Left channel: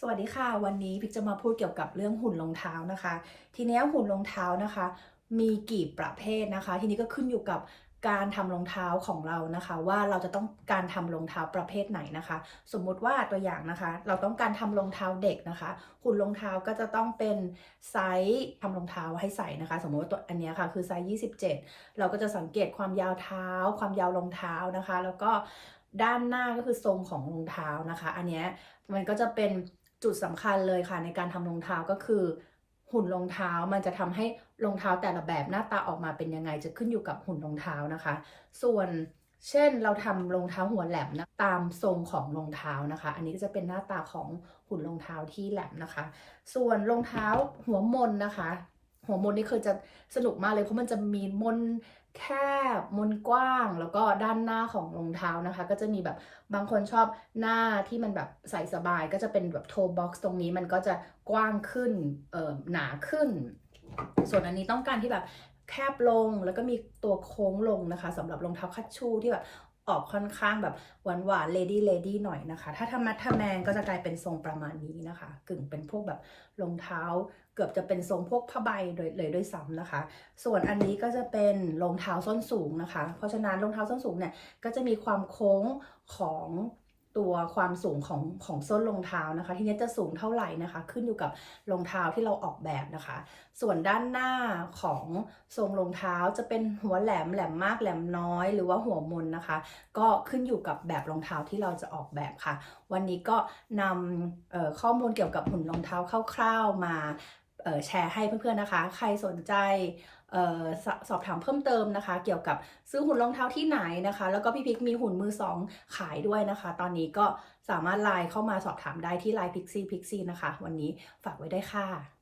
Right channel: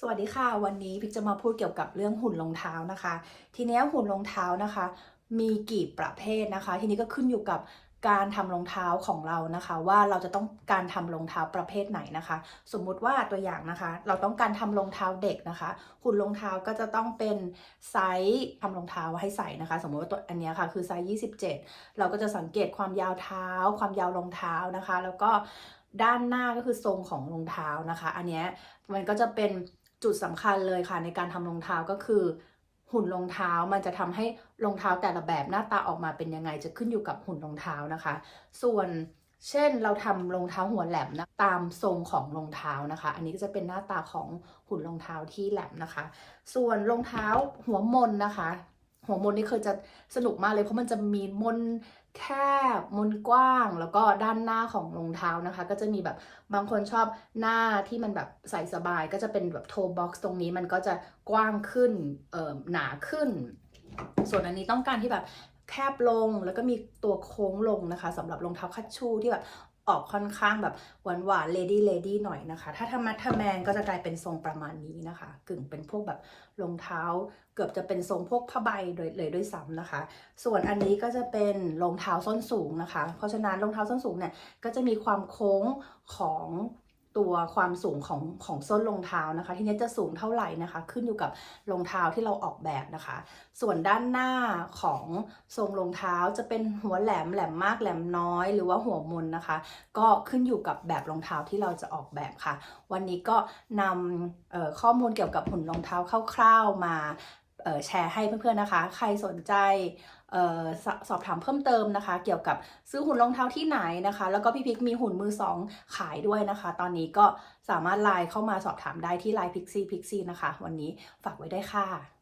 สวัสดีค่ะ วันนี้พิกจะมาพูดเกี่ยวกับเรื่องหุ่นรองเท้านะคะ ทีนี้หุ่นรองเท้านะคะ มีกี่ประเภทนะคะ ทีนี้ก็ขึ้นอยู่กับการทำรองเท้าของเรานะคะ ว่าเราจะต้องการทำรองเท้าประเภทไหนนะคะ สมมุติว่าตัวอย่างนะคะ เราต้องการทำรองเท้าเด็กนะคะ หุ่นรองเท้าก็จะต้องเป็นไซส์ทำรองเท้าให้ใส่นะคะ สมมติว่าตัวอันนี้ค่ะคือไซส์27 เราก็จะสังเกตความยาวเท้า ความยาวรองเท้านะคะ แล้วก็ด้านหน้าก็คือทรงของรองเท้านะคะ อันนี้มันก็จะเป็น จุดสำคัญเลยค่ะในการทำรองเท้าก็คือ หุ่นรองเท้ามันจะทำให้รองเท้าแต่ละแบบหน้าตาออกมาเป็นยังไงจะขึ้นอยู่กับหุ่นรองเท้านะคะ ส่วนเช่นเราทำรองเท้าหัวแหลมนะตามทรงของรองเท้านะคะ อันนี้ก็จะเป็นหน้าตาของหุ่นรองเท้าที่แหลมนะคะ ส่วนรองเท้าหัวมนนะคะ หัวมนนี่คือจะสนุกมากเลยเพราะมันจะมีมนแคบมนกว้าง แล้วก็ด้านหน้าของรองเท้านะคะ ก็จะมีแบบบางคนชอบหน้าที่มันแบบใส่สบาย ก็จะเป็นแบบโทบ็อกซ์ตรงนี้มันก็จะกว้างขึ้นเอ่อหนาขึ้น ส่วนอันนี้ต้องการที่แบบแคบลงแล้วก็มีตัวโค้งลงนะคะสำหรับรองเท้าคัชชูที่แบบ ออกค่อนข้างแบบหวานหวานเลดี้เลดี้หน่อยนะคะ ถ้าทำมัทำแมนก็จะกลายเป็นทรงประมาณนี้นะคะ กึ่งเป็นพวกแบบรองเท้า เกือบจะเป็นทรงพวกผ้าใบเลยเลยด้วยซ้ำนะคะ ส่วนอันนี้ก็จะเป็นรองเท้าส้นสูงนะคะ เพราะฉะนั้นรองเท้าส้นสูงเนี่ยก็จะมีความโค้งของ ตัวความสูงของของส้นรองเท้านะคะ ทีนี้จะสูงเท่าไหร่นะคะ ขึ้นอยู่กับรองเท้าที่เราออกแบบนะคะ ส่วนด้านหน้าของทรงรองเท้าจะเป็นหัวแหลมแหลมมากแหลมน้อย หรือว่าหัวมนนะคะ ก็ขึ้นอยู่กับแบบรองเท้าที่เราจะออกแบบค่ะ วันนี้ก็นำข้อมูลเกี่ยวกับหุ่นรองเท้าคร่าว ๆมาแชร์ให้เพื่อนๆนะคะ ใครสนใจ สสอบถามเพิ่มเติมนะคะ เกี่ยวกับซื้อหุ่นรองเท้าที่ไหนนะคะ แล้วก็พี่พิกมีหุ่นมือสองขายด้วยนะคะ ตอนนี้ก็สามารถไลน์เข้ามาสอบถามได้ที่ไลน์พิกซี่พิกซี่นะคะ วันนี้ฝากไว้ได้วยค่ะ